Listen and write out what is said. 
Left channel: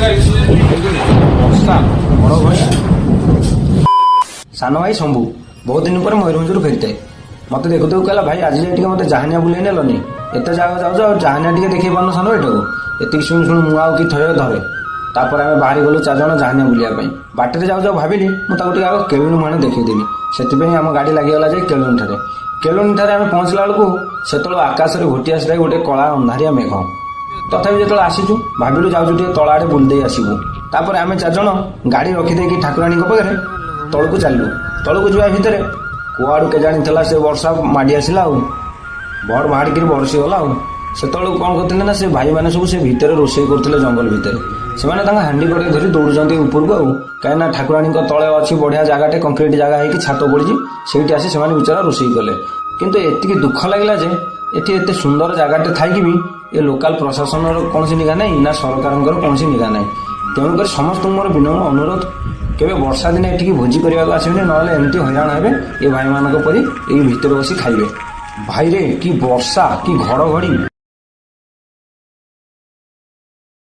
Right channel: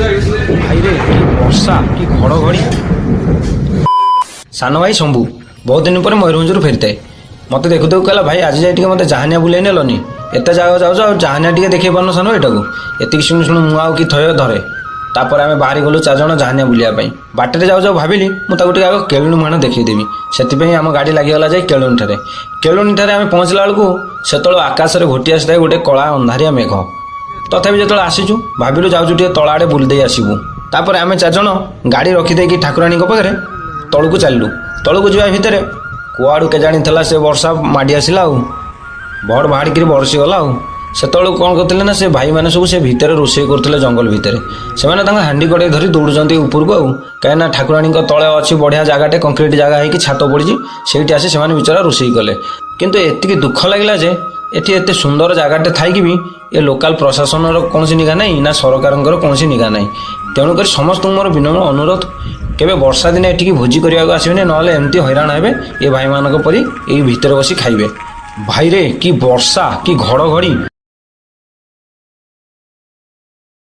ଭାଇରେ ବର୍ଷା କି ଘଡ଼ଘଡ଼ି। ସାନ ଭାଇ ଶମ୍ଭୁ ବହୁତ ଦିନ ପରେ ମୟୂରଭଞ୍ଜରୁ ଫେରିଥାଏ। ମୋତେ ଦେଖୁ ଦେଖୁ କହିଲା, ଭାଇ ଆଜି ଯାଇ ଟିକେ ମୋତେ ଜାହାନିଆ ବୁଲେଇ ନେଲନି, ଏତେ ଜାଗା ଯାଉଛ ଆଉ ଜାହାନିଆ ଟିକେ ଦେଖେଇ ପାରୁନ ସାନ ଏଇଟାକୁ। ଏତିକି ଶୁଣୁ ଶୁଣୁ ମୁଁ ଆଉ କି ଥୟ ଧରେ। ତାପରେ ଆମେ ବାହାରି ଗଲୁ 4 ଜଣ ଜାହାନିଆ ବୁଲିବା ପାଇଁ। ବାଟରେ ଯାଉ ଯାଉ ଭାବିଲି ମୁଁ ତାକୁ ଟିକେ ଆଗ କେଳୁଣି ମୁହାଣ ଦେଖେଇଦେବି। ସେଥିପାଇଁ ଆମ ଗାଡ଼ି ଲାଗିଗଲା ଯାଇ କେଳୁଣିଠାରେ। କେଳୁଣିଠାରେ ଆମେ ପହଞ୍ଚିଲା ବେଳକୁ ସେତେବେଳେ ଆକାଶରେ ଘୋଟି ଆସିଥାଏ ଗୋଟେ କଳା ଅନ୍ଧାରିଆ ମେଘ। ତଥାପି ଯେତେବେଳେ ଆସିଛୁ ଭାବିଲୁ ଯାଉଛୁ ଟିକେ ତଳ ଆଡ଼େ ବୁଲି ଦେଇ ଆସିବୁ। ତାପରେ ଆମେ 4 ଜଣ ଗାଡ଼ି ରଖିଦେଇକି ଠାକୁରାଣୀଙ୍କ ପାଖରେ ତଳକୁ ଚାଲିଲୁ। ତଳକୁ ଯିବା ଭିତରେ କୁଆଡ଼ୁ କେଜାଣି ଥିଲା ସେ ବର୍ଷା ମାଡ଼ି ଆସିଲା ଆଉ ବଡ଼ ବାହାରିକିରି ବର୍ଷିଗଲା ଆଉ। ସେତେବେଳକୁ କ'ଣ କରୁଥିଲେ ନା ସେ ଭାଇମାନେ ସବୁ ସେ ଭିତରେ ରୋଷେଇ କରୁଥିଲେ ଜଙ୍ଗଲ ଭିତରେ। ସେମାନେ ତାଙ୍କ ହାଣ୍ଡି କଡ଼େଇ ଧରି ଦୌଡ଼ୁଛନ୍ତି ଉପରକୁ ଆଉ, କାହିଁକିନା ଠାକୁରାଣୀଙ୍କ ତଳେ ଅଛି ବଢ଼ିଆ ଜାଗାଟେ, କଂକ୍ରିଟ ଜାଗା ହେଇକି ଛାତ ପଡ଼ିଛି, ସେଇଠି ଆସି ସେମାନେ ବିଚରା ରୋଷେଇ କଲେ। କିନ୍ତୁ ଏତିକି ଦୁଃଖ ଲାଗିଲା ଯେ ଏଠି ଏତେ ସୁନ୍ଦର ଜାଗାଟେ ଥାଇକି ବି ଏ ଲୋକାଲ ପ୍ରଶାସନର କୌଣସି ନିଘା ନାହିଁ ନା ସରକାରଙ୍କର କୌଣସି ନିଘା ନାହିଁ। ତେଣୁକରି ସମସ୍ତଙ୍କୁ ମୋର ବିନମ୍ର ଅନୁରୋଧ, କେବେ ବର୍ଷା ଦିନେ ଏଠିକି ଭୋଜି କରିବାକୁ ଆସିବେନି, ନହେଲେ ଏମିତି ହଇରାଣ ହେବେ ଏ ଭାଇମାନଙ୍କ ପରି ଏଇ ଭିତରେ ବସି ଖାଇବେ। ଭାଇରେ କି ବର୍ଷା କି ଘଡ଼ଘଡ଼ି।